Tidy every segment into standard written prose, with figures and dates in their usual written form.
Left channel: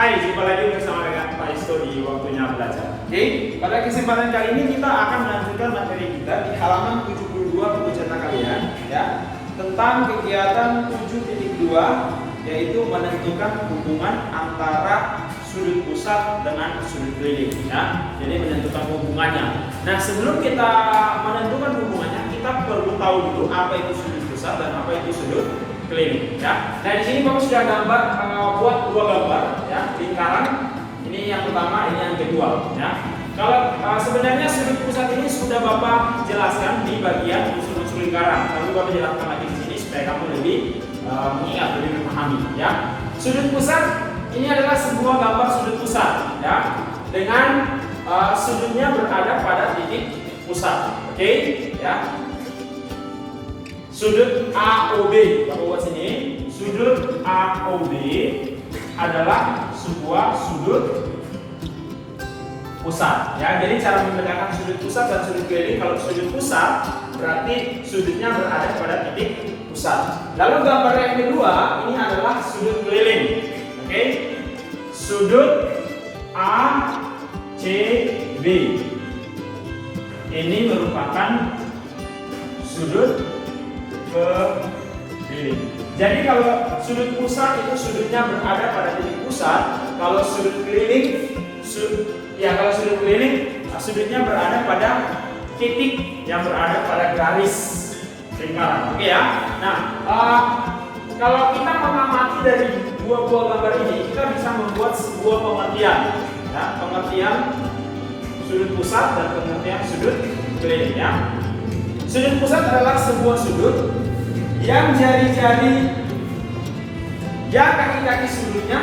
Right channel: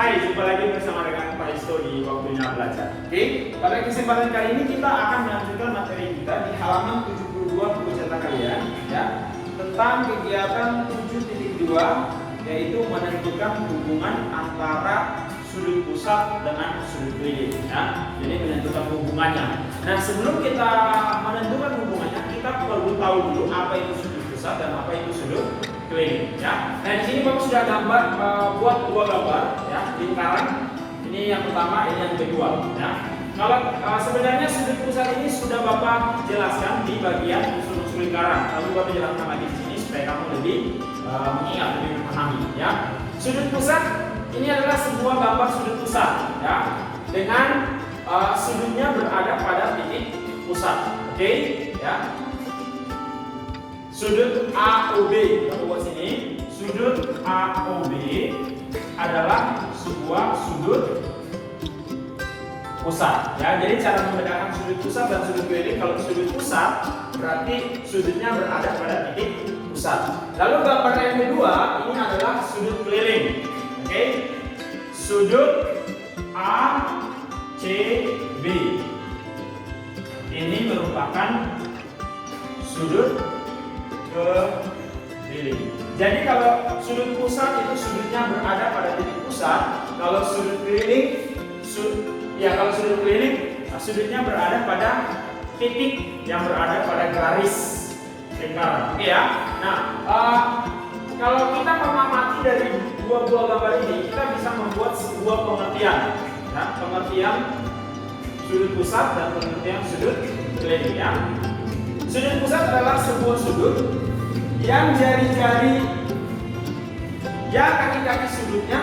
Hai, jumpa lagi bersama dengan Pak Isto di Waktunya Belajar. Oke, pada kesempatan kali ini kita akan melanjutkan materi kita di halaman 72 buku cetak kalian ya, tentang kegiatan 7.2 yaitu menentukan hubungan antara sudut pusat dengan sudut keliling ya. Jadi menentukan hubungannya. Nah, sebelum kita menentukan hubungannya, kita perlu tahu dulu apa itu sudut pusat dan apa itu sudut keliling ya. Nah, di sini Bapak sudah gambar buat dua gambar ya, lingkaran. Ini yang pertama, ini yang kedua ya. Kalau sebenarnya sudut pusat ini sudah Bapak jelaskan di bagian unsur-unsur lingkaran. Tapi Bapak jelaskan lagi di sini supaya kamu lebih mengingat, lebih memahami ya. Sudut pusat ini adalah sebuah gambar sudut pusat ya, dengan sudutnya berada pada titik pusat. Oke ya. Sudut AOB, kita buat sini. Sudut AOB adalah sebuah sudut pusat ya. Jadi cara membedakan sudut pusat dan sudut keliling, kalau sudut pusat berarti sudutnya berada pada titik pusat. Lalu gambar yang kedua ini adalah sudut keliling. Oke. Sudut ACB ini merupakan sudut keliling. Jadi kalau sudut pusat itu sudutnya berada pada titik pusat, kalau sudut keliling kalau sudut keliling sudutnya berada pada titik yang berada pada garis lingkaran. Oke ya. Nah, kalau kita mengamati dari dua buah gambar ini, kita bisa membuat sebuah pengertian ya, pengertian sudut pusat dan pengertian sudut keliling ya. Sudut pusat adalah sebuah sudut yang jari-jari, yang kaki-kaki sudutnya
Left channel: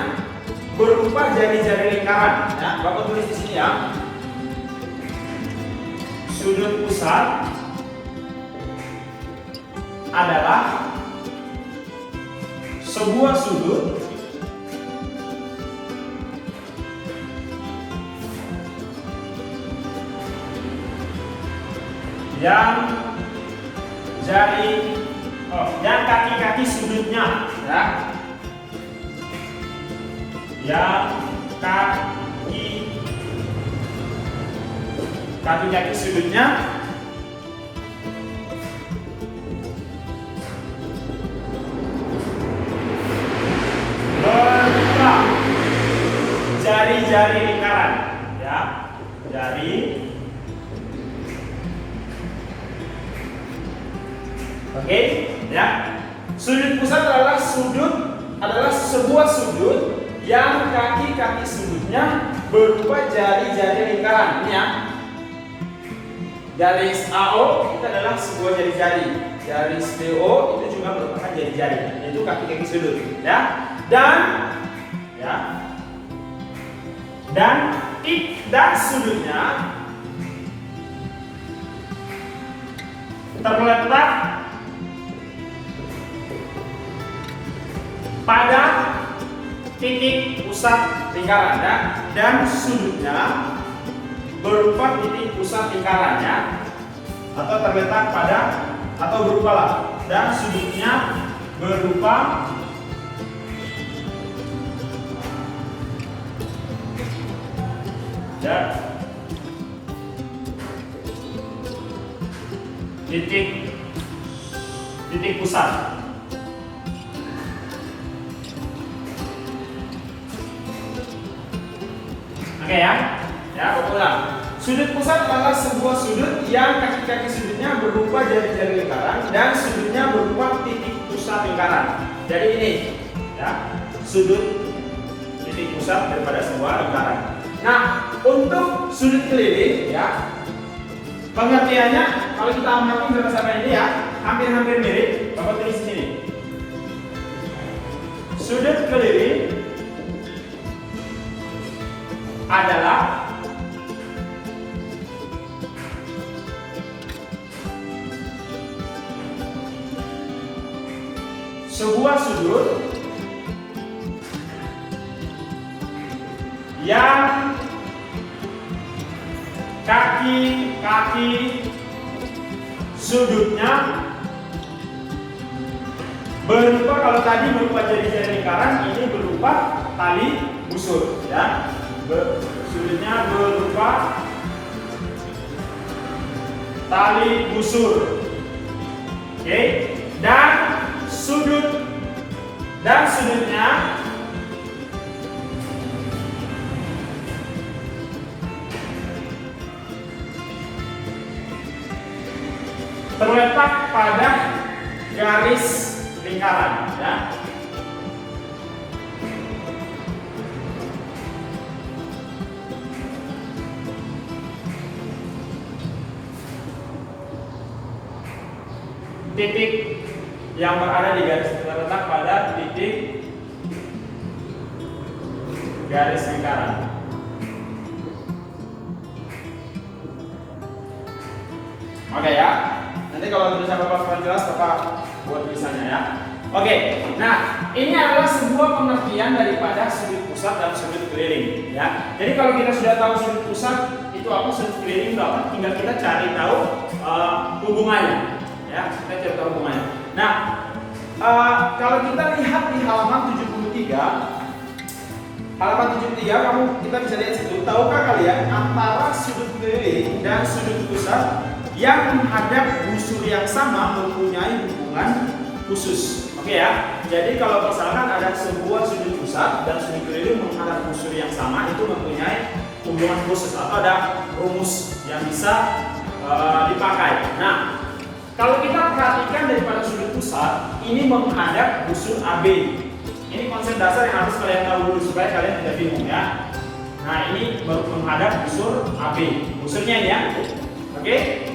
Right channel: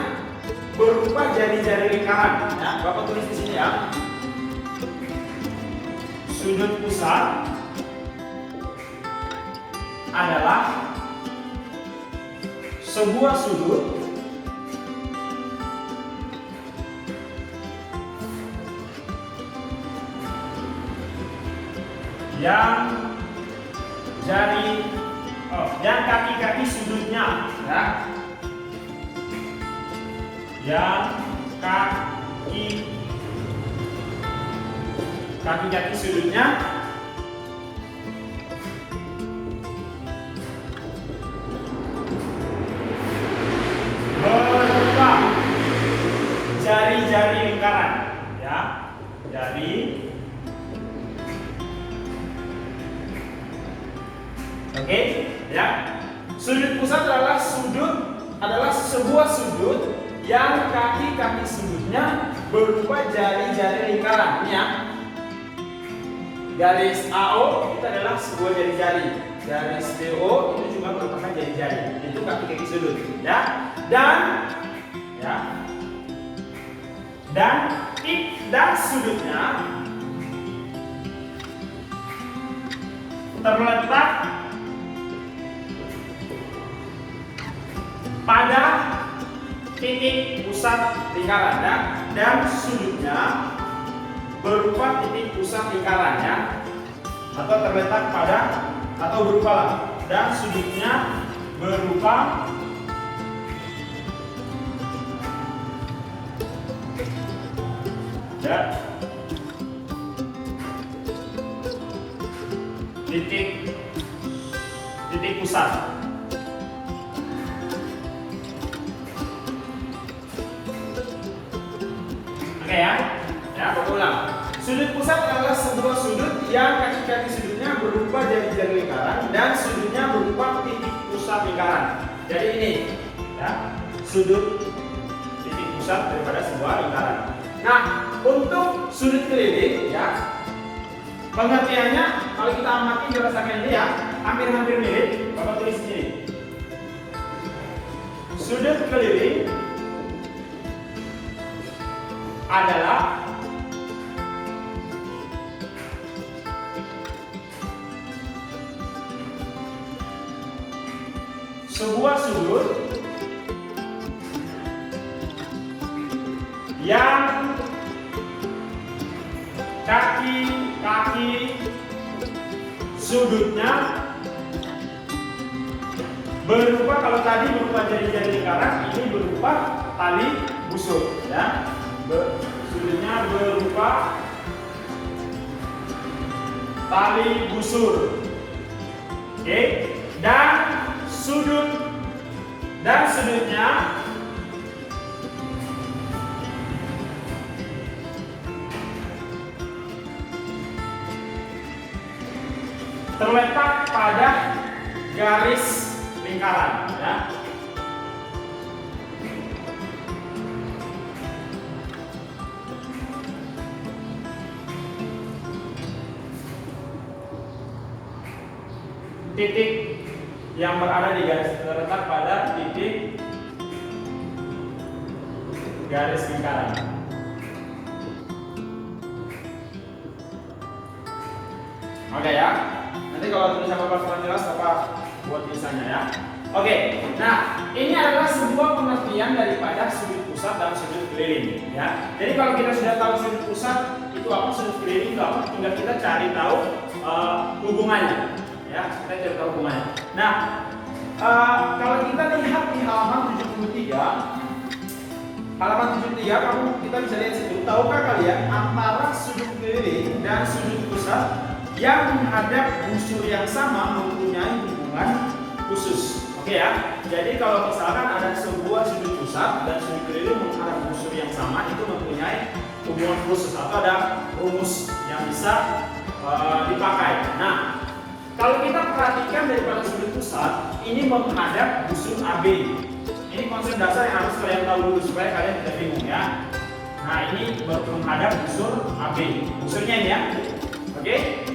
berupa jari-jari lingkaran. Ya, Bapak tulis di sini ya. Sudut pusat adalah sebuah sudut yang dan kaki-kaki sudutnya ya, yang kaki-kaki sudutnya berupa jari-jari lingkaran ya, jari. Oke, ya. Sudut pusat adalah sebuah sudut yang kaki-kaki sudutnya berupa jari-jari lingkaran. Ini ya. Garis AO itu adalah sebuah jari-jari. Garis BO itu juga merupakan jari-jari. Itu kaki-kaki sudut, ya. Dan sudutnya terletak pada titik pusat lingkaran ya, dan sudutnya berupa titik pusat lingkarannya atau terletak pada atau berupa lah, dan sudutnya berupa ya, titik pusat. Oke ya, Bapak ulang. Sudut pusat adalah sebuah sudut yang kaki-kaki sudutnya berupa jari-jari lingkaran dan sudutnya berupa titik pusat lingkaran. Jadi ini, ya, sudut titik pusat daripada sebuah lingkaran. Nah, untuk sudut keliling, ya, pengertiannya kalau kita amati berdasarkan ini ya, hampir-hampir mirip. Bapak tulis di sini. Sudut keliling adalah sebuah sudut yang kaki-kaki sudutnya berupa, kalau tadi berupa jari-jari lingkaran, ini berupa tali busur ya. Sudutnya berupa tali busur. Oke, dan sudutnya terletak pada garis lingkaran ya. Titik yang berada di garis terletak pada titik garis lingkaran. Oke ya. Nanti kalau tulisan Bapak kurang jelas, Bapak buat tulisannya ya. Oke. Nah, ini adalah sebuah pengertian daripada sudut pusat dan sudut keliling ya. Jadi kalau kita sudah tahu sudut pusat itu apa, sudut keliling itu apa, tinggal kita cari tahu hubungannya. Ya, kita cari tahu hubungannya. Nah, kalau kita lihat di halaman 73, kita bisa lihat situ. Tahukah kalian antara sudut keliling dan sudut pusat yang menghadap busur yang sama mempunyai hubungan khusus? Oke ya. Jadi kalau misalkan ada sebuah sudut pusat dan sudut keliling menghadap busur yang sama, itu mempunyai hubungan khusus atau ada rumus yang bisa dipakai. Nah, kalau kita perhatikan daripada sudut pusat, ini menghadap busur AB. Ini konsep dasar yang harus kalian tahu dulu supaya kalian tidak bingung ya. Nah, ini menghadap busur AB. Busurnya ini ya. Oke.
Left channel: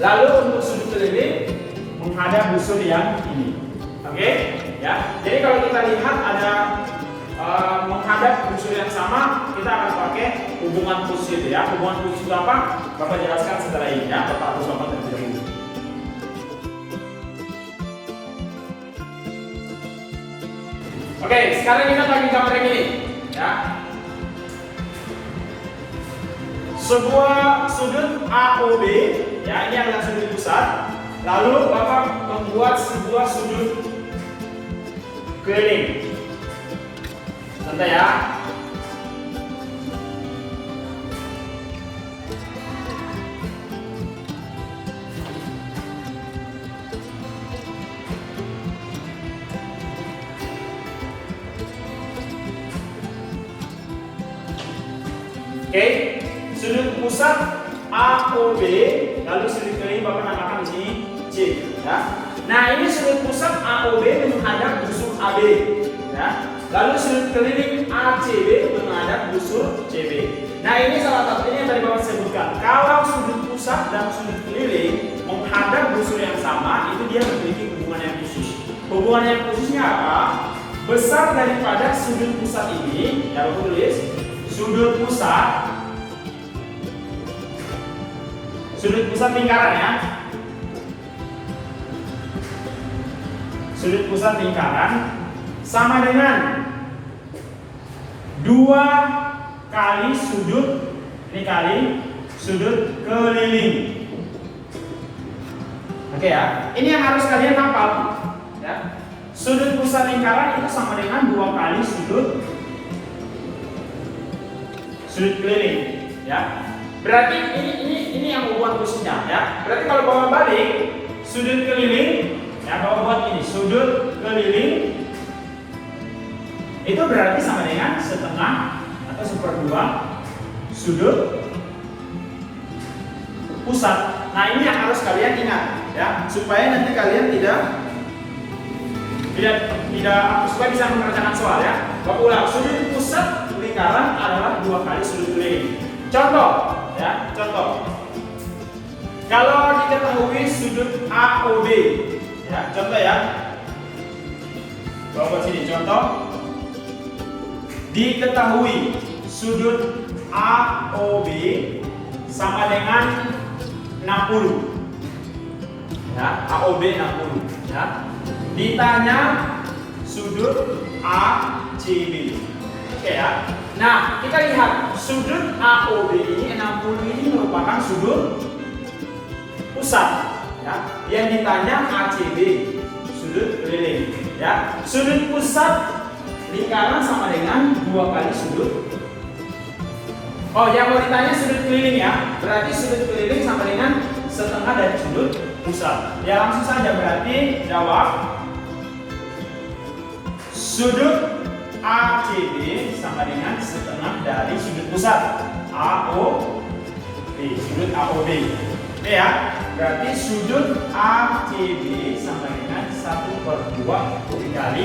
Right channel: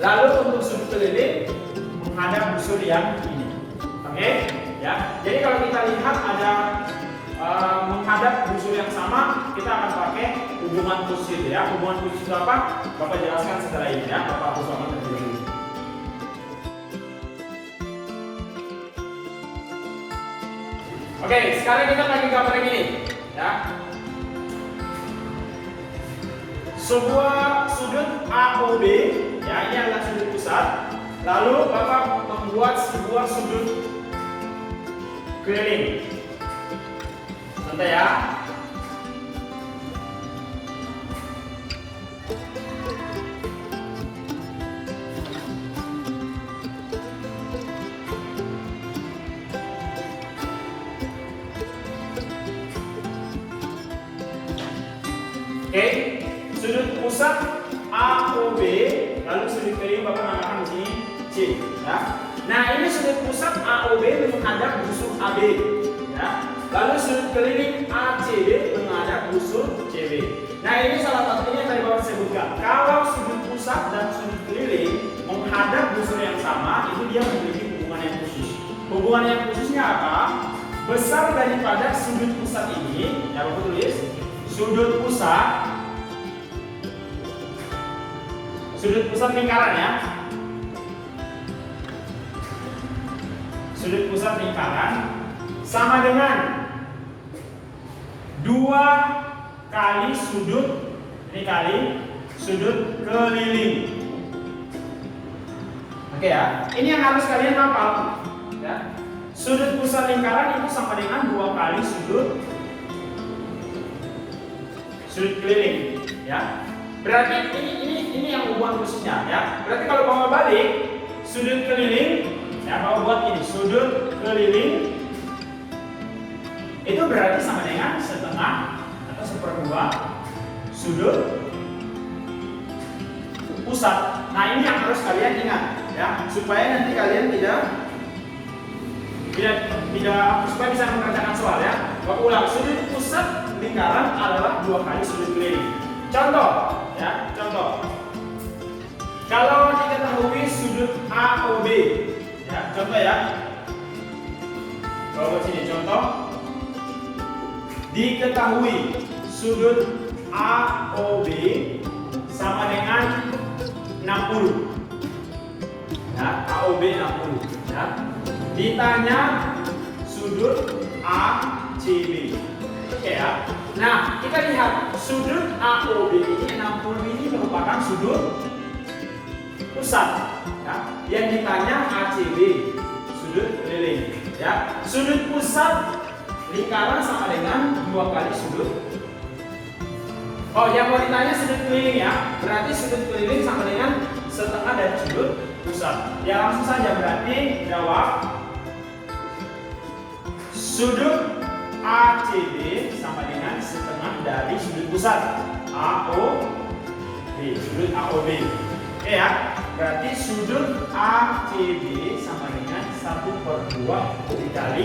Lalu untuk sudut keliling menghadap busur yang ini. Oke? Ya. Jadi kalau kita lihat ada menghadap busur yang sama, kita akan pakai hubungan khusus itu ya. Hubungan khusus itu apa? Bapak jelaskan setelah ini ya. Bapak harus terlebih dahulu. Oke, sekarang kita pakai gambar yang ini ya. Sebuah sudut AOB ya, ini adalah sudut pusat. Lalu Bapak membuat sebuah sudut keliling. Santai ya. Oke, sudut pusat AOB, lalu sudut keliling Bapak namakan di sini C. Ya. Nah, ini sudut pusat AOB menghadap busur AB. Ya. Lalu sudut keliling ACB menghadap busur CB. Nah, ini salah satu ini yang tadi Bapak sebutkan. Kalau sudut pusat dan sudut keliling menghadap busur yang sama, itu dia memiliki hubungan yang khusus. Hubungan yang khususnya apa? Besar daripada sudut pusat ini, ya Bapak tulis. Sudut pusat lingkaran ya. Sudut pusat lingkaran sama dengan 2 kali sudut, ini kali sudut keliling. Oke ya. Ini yang harus kalian hafal ya. Sudut pusat lingkaran itu sama dengan 2 kali sudut keliling ya. Berarti ini yang hubungan khususnya ya. Berarti kalau Bapak balik sudut keliling ya, Bapak buat ini sudut keliling itu berarti sama dengan setengah atau 1/2 sudut pusat. Nah, ini yang harus kalian ingat ya, supaya nanti kalian tidak supaya bisa mengerjakan soal ya. Bapak ulang, sudut pusat lingkaran adalah 2 kali sudut keliling. Contoh ya, contoh. Kalau diketahui sudut AOB ya, contoh ya. Bawa sini contoh. Diketahui sudut AOB sama dengan 60. Ya, AOB 60 ya. Ditanya sudut ACB. Oke ya. Nah, kita lihat sudut AOB ini 60 ini merupakan sudut pusat ya. Yang ditanya ACB, sudut keliling Ya, sudut pusat lingkaran sama dengan 2 kali sudut. Oh, yang mau ditanya sudut keliling ya. Berarti sudut keliling sama dengan setengah dari sudut pusat. Ya langsung saja berarti jawab. Sudut ACB sama dengan setengah dari sudut pusat AOB. Sudut AOB. Oke ya. Berarti sudut ACB sama dengan 1/2 dikali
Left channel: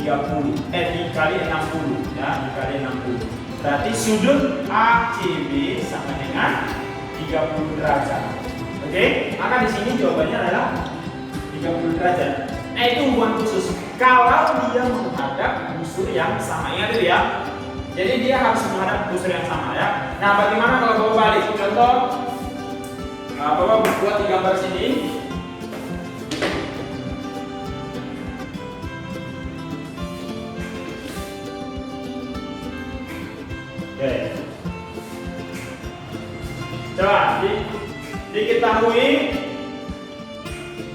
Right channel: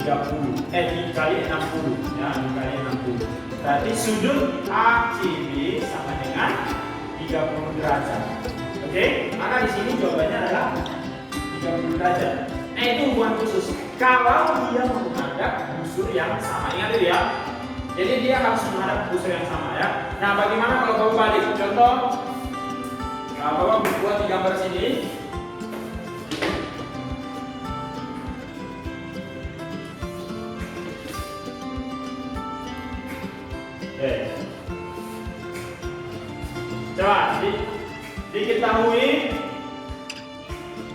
30. Dikali 60 ya, dikali 60. Berarti sudut ACB sama dengan 30 derajat. Oke, maka di sini jawabannya adalah 30 derajat. Itu hubungan khusus. Kalau dia menghadap busur yang sama, ingat itu ya. Jadi dia harus menghadap busur yang sama ya. Nah, bagaimana kalau bawa balik? Contoh, Bapak buat di gambar sini. Oke. Coba diketahui.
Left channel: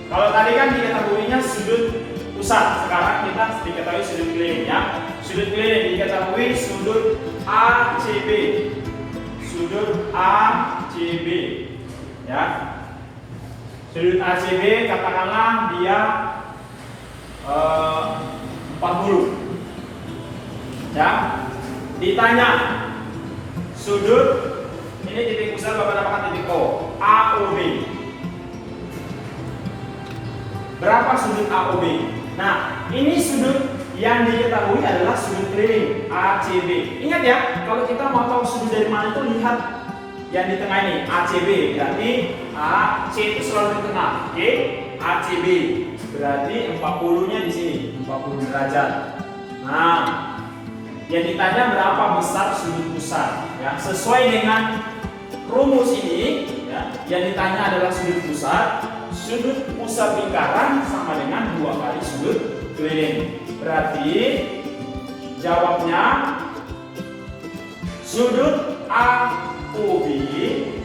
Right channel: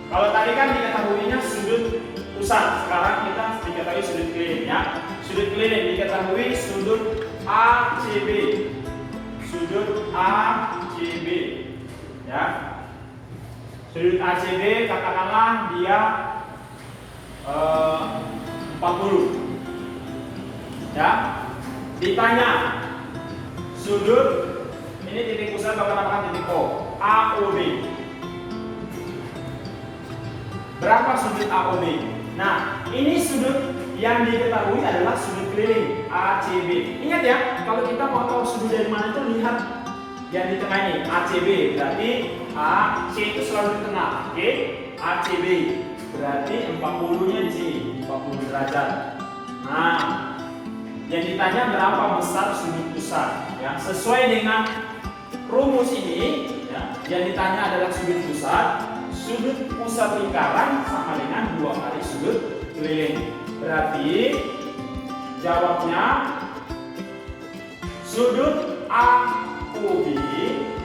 Kalau tadi kan diketahuinya sudut pusat, sekarang kita diketahui sudut keliling ya. Sudut keliling diketahui sudut ACB. Sudut ACB ya. Sudut ACB katakanlah dia 40 ya. Ditanya sudut ini titik pusat Bapak namakan titik O, AOB. Berapa sudut AOB? Nah, ini sudut yang diketahui adalah sudut keliling ACB. Ingat ya, kalau kita mau tahu sudut dari mana itu lihat yang di tengah ini ACB. Berarti AC itu selalu di tengah. Oke, ACB. Berarti 40-nya di sini, 40 derajat. Nah, yang ditanya berapa besar sudut pusat ya, sesuai dengan rumus ini ya, yang ditanya adalah sudut pusat lingkaran sama dengan 2 kali sudut keliling. Berarti jawabnya sudut AOB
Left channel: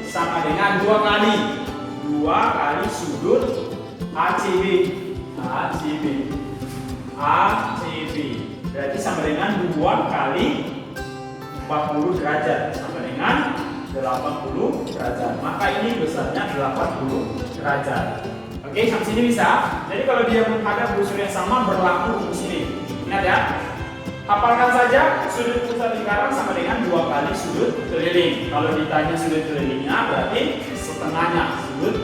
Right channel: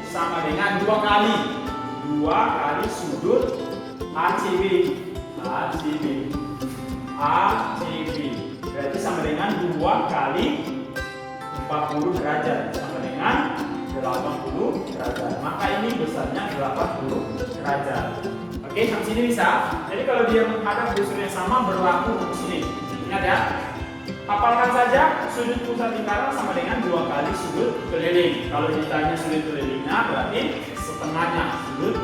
sama dengan 2 kali sudut ACB. Berarti sama dengan 2 kali 40 derajat sama dengan 80 derajat. Maka ini besarnya 80 derajat. Oke, sampai sini bisa. Jadi kalau dia menghadap busur yang sama berlaku di sini. Ingat ya. Hafalkan saja sudut pusat lingkaran sama dengan 2 kali sudut keliling. Kalau ditanya sudut kelilingnya berarti setengahnya sudut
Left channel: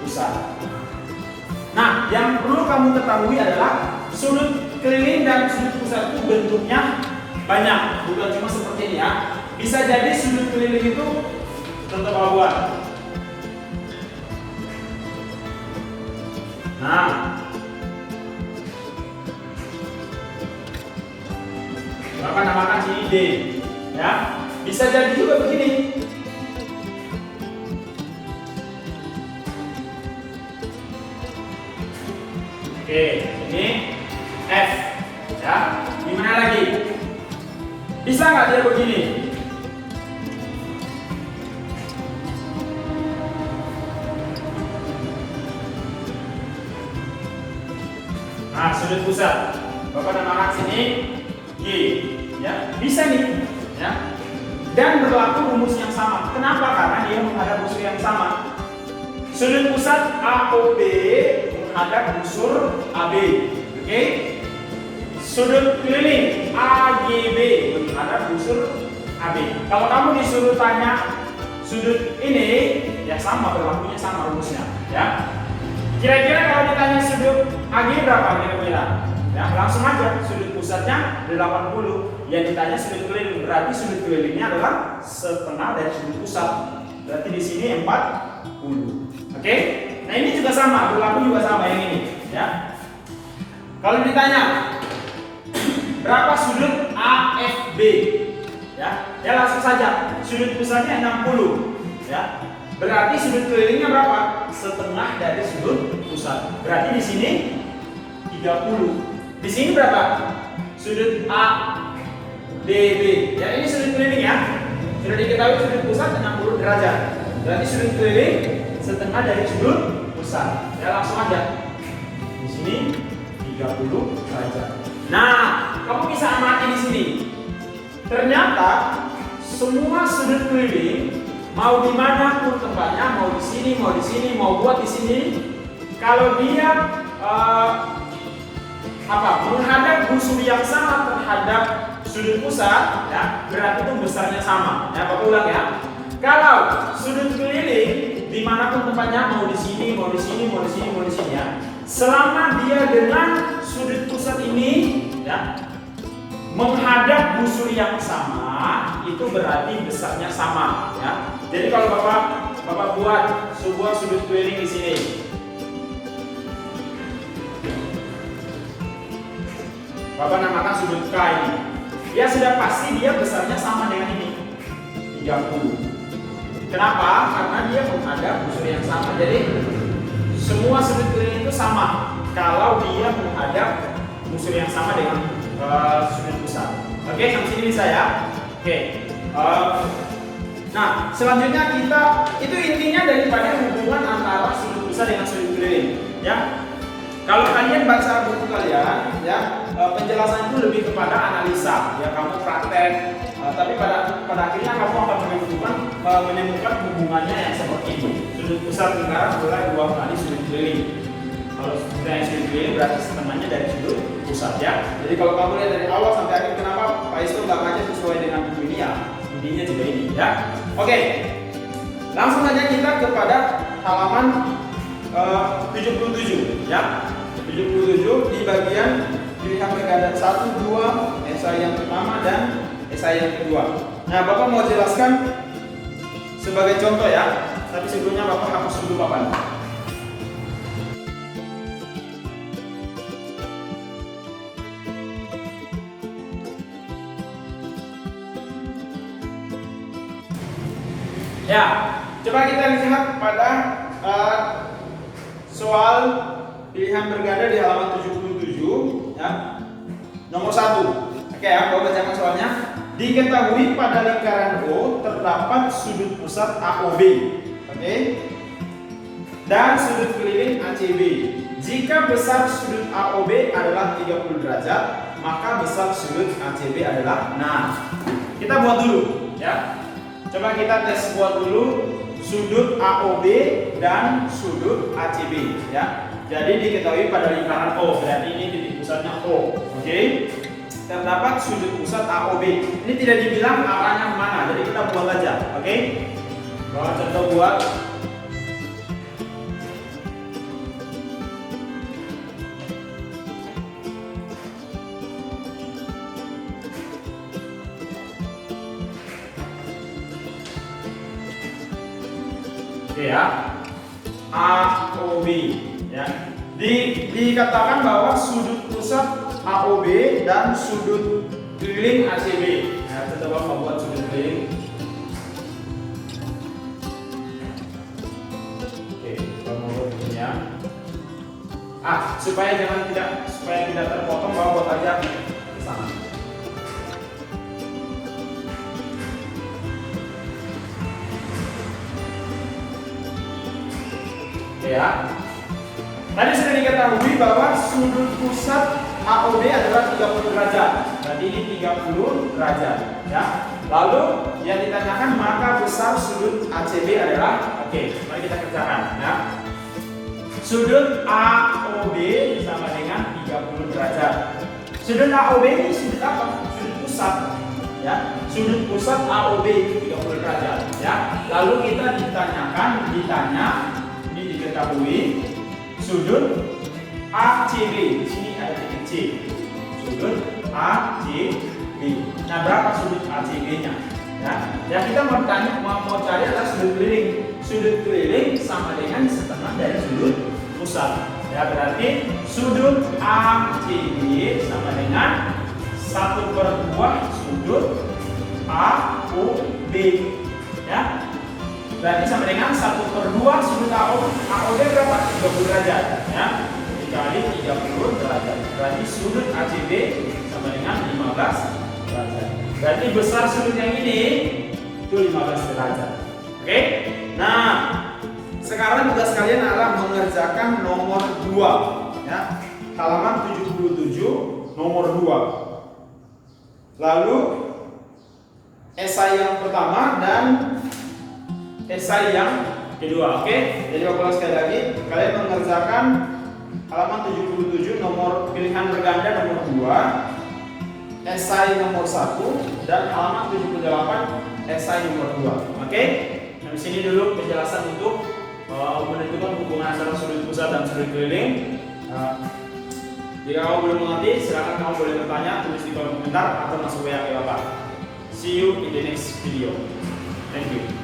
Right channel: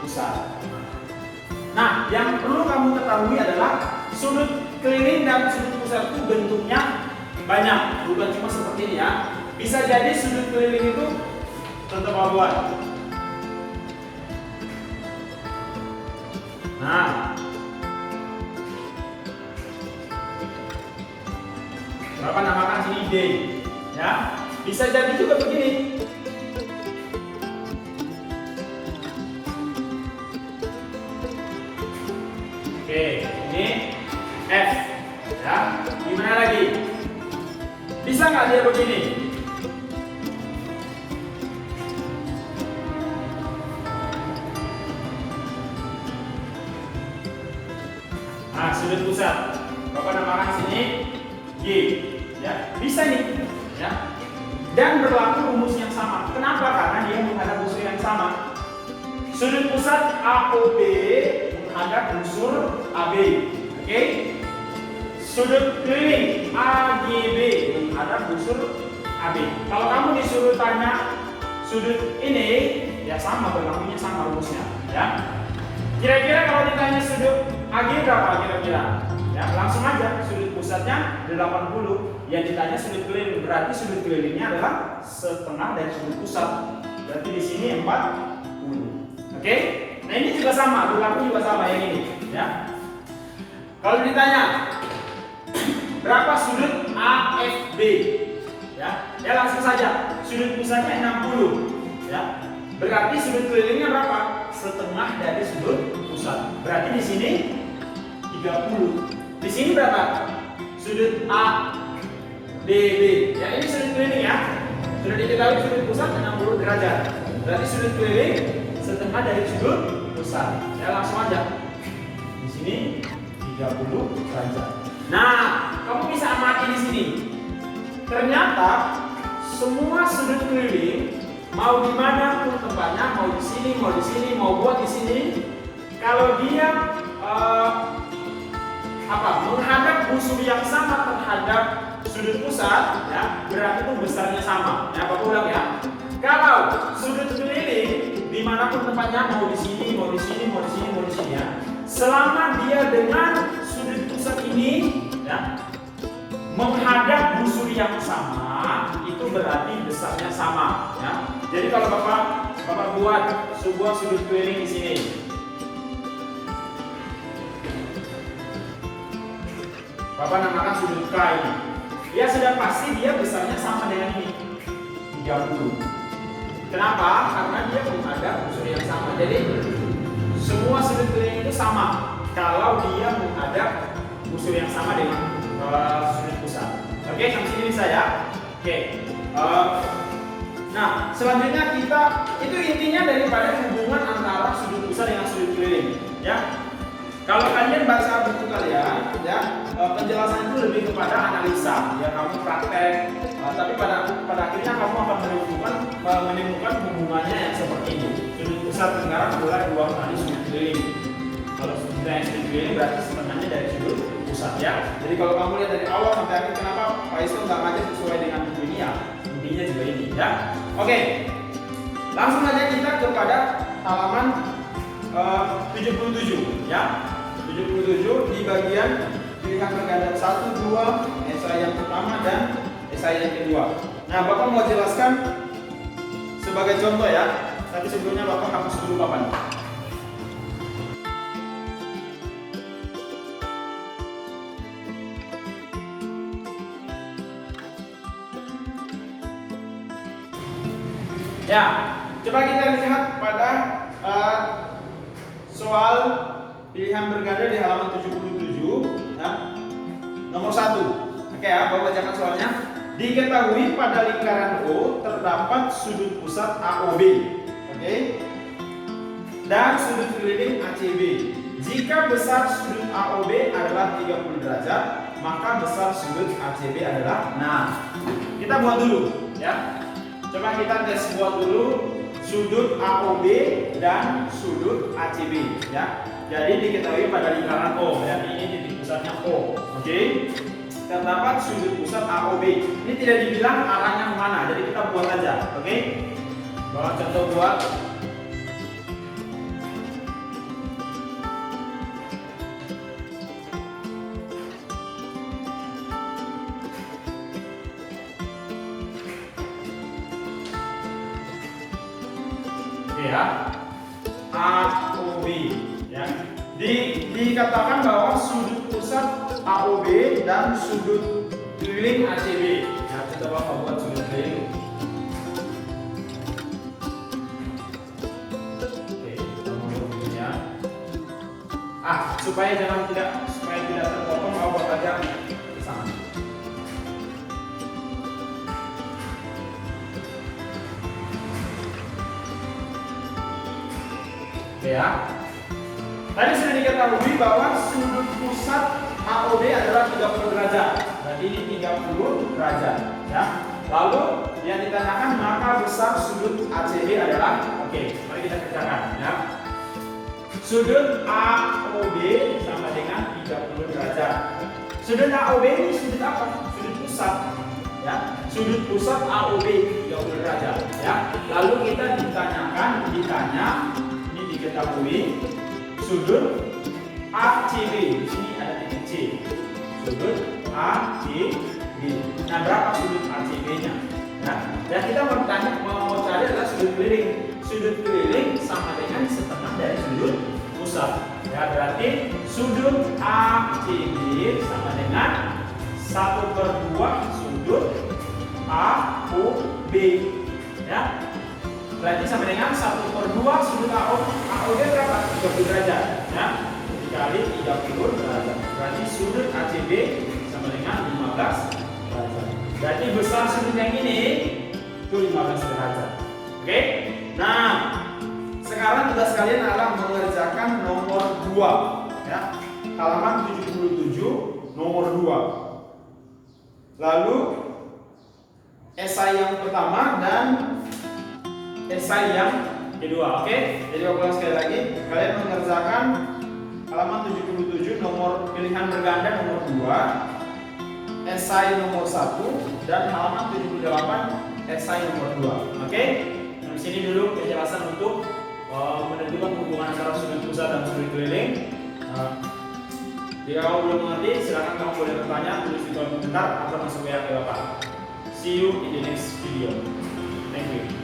pusat. Nah, yang perlu kamu ketahui adalah sudut keliling dan sudut pusat itu bentuknya banyak, bukan cuma seperti ini ya. Bisa jadi sudut keliling itu contoh Bapak buat. Nah, Bapak namakan sini D, ya. Bisa jadi juga begini. Oke, ini F, ya. Gimana lagi? Bisa nggak dia begini? Nah, sudut pusat. Bapak namakan sini G, ya. Bisa nih, ya. Dan berlaku rumus yang sama. Kenapa? Karena dia menghadap busur yang sama. Sudut pusat AOB menghadap busur AB. Oke? Sudut keliling AGB menghadap busur AB. Kalau kamu disuruh tanya sudut ini, ya sama, berlakunya sama rumusnya, ya. Kira-kira kalau ditanya sudut AG berapa kira-kira? Ya, langsung aja sudut pusatnya 80. Yang ditanya sudut keliling, berarti sudut kelilingnya adalah setengah dari sudut pusat. Berarti di sini 40. Oke? Nah, ini juga sama, berlaku juga sama yang ini, ya. Kalau ditanya berapa sudut AFB? Ya langsung saja. Sudut pusatnya 60, ya. Berarti sudut kelilingnya berapa? Setengah dari sudut pusat. Berarti di sini 30. Di sini berapa? Sudut ADB. Ya, ini sudut keliling ya. Sudah diketahui sudut pusat 60 derajat. Berarti sudut keliling setengah dari sudut pusat. Ya, langsung aja. Di sini 30 derajat. Nah, kamu bisa amati di sini. Ternyata semua sudut keliling, mau di mana pun tempatnya, mau di sini, mau di sini, mau buat di sini, kalau dia menghadap busur yang sama terhadap sudut pusat, ya, berarti itu besarnya sama. Ya, Bapak ulang ya. Kalau sudut keliling dimanapun tempatnya, mau di sini, mau di sini, mau di sini, mau di sini, ya, selama dia dengan sudut pusat ini, ya, menghadap busur yang sama, itu berarti besarnya sama. Ya. Jadi kalau Bapak buat sebuah sudut keliling di sini, Bapak namakan sudut K ini, ya sudah pasti dia besarnya sama dengan ini, 30. Kenapa? Karena dia menghadap busur yang sama. Jadi semua sudut keliling itu sama kalau dia menghadap busur yang sama dengan sudut pusat. Oke, sampai sini bisa ya. Oke. Nah, selanjutnya itu intinya daripada hubungan antara sudut pusat dengan sudut keliling. Ya. Kalau kalian baca buku kalian, ya, penjelasan itu lebih kepada analisa. Ya, kamu praktek. Tapi pada akhirnya kamu akan menemukan hubungannya yang seperti itu. Sudut pusat lingkaran adalah 2 kali sudut keliling. Kalau sudah sudut keliling berarti sebenarnya dari sudut pusat, ya. Jadi kalau kamu lihat dari awal sampai akhir, kenapa Pak Isto nggak ngajar sesuai dengan buku ini, ya? Intinya juga ini, ya. Oke, langsung aja kita kepada halaman 77, ya. 77 di bagian pilihan berganda 1, 2, esai yang pertama dan esai yang kedua. Nah, Bapak mau jelaskan sebagai contoh, ya. Tapi sebelumnya Bapak hapus dulu papan. Ya, coba kita lihat pada soal pilihan berganda di halaman 77, ya. Nomor 1. Oke ya, Bapak bacakan soalnya. Diketahui pada lingkaran O terdapat sudut pusat AOB, oke, dan sudut keliling ACB. Jika besar sudut AOB adalah 30 derajat, maka besar sudut ACB adalah, nah, kita buat dulu, ya. Coba kita tes buat dulu sudut AOB dan sudut ACB, ya. Jadi diketahui pada lingkaran O, berarti ini titik pusatnya O, oke. Terdapat sudut pusat AOB. Ini tidak dibilang arahnya kemana, jadi kita buat aja, oke. Bawa contoh buat. Oke ya, AOB, ya. Dikatakan bahwa sudut pusat AOB dan sudut keliling ACB. Nah, kita coba buat sudut keliling. Oke, kita mau buatnya. Supaya tidak terpotong, bawa buat aja ke sana. Oke ya. Tadi sudah diketahui bahwa sudut pusat AOB adalah 30 derajat. Jadi ini 30 derajat, ya. Lalu yang ditanyakan maka besar sudut ACB adalah, oke, mari kita kerjakan, ya. Sudut AOB sama dengan 30 derajat. Sudut AOB ini sudut apa? Sudut pusat, ya. Sudut pusat AOB itu 30 derajat, ya. Lalu kita ditanya, ini diketahui sudut ACB, di sini ada titik C. Sudut ACB. Nah, berapa sudut ACB-nya? Ya, kita mau cari adalah sudut keliling. Sudut keliling sama dengan setengah dari sudut pusat. Ya, berarti sudut ACB sama dengan 1/2 sudut AOB. Ya. Berarti sama dengan 1/2 sudut AOB berapa? 30 derajat, ya. Dikali 30 derajat. Berarti sudut ACB sama dengan 15 derajat. Berarti besar sudut yang ini itu 15 derajat. Oke? Nah, sekarang tugas kalian adalah mengerjakan nomor 2, ya. halaman 77 nomor 2. Lalu esai yang pertama dan esai yang kedua. Oke, jadi aku ulang sekali lagi, kalian mengerjakan halaman 77 nomor pilihan berganda nomor 2, esai nomor 1, dan halaman 78 esai nomor 2. Oke, nah, di sini dulu penjelasan untuk menentukan hubungan antara sudut pusat dan sudut keliling. Jika kamu belum mengerti, silakan kamu boleh bertanya, tulis di kolom komentar atau masuk WA ke Bapak. See you in the next video. Thank you.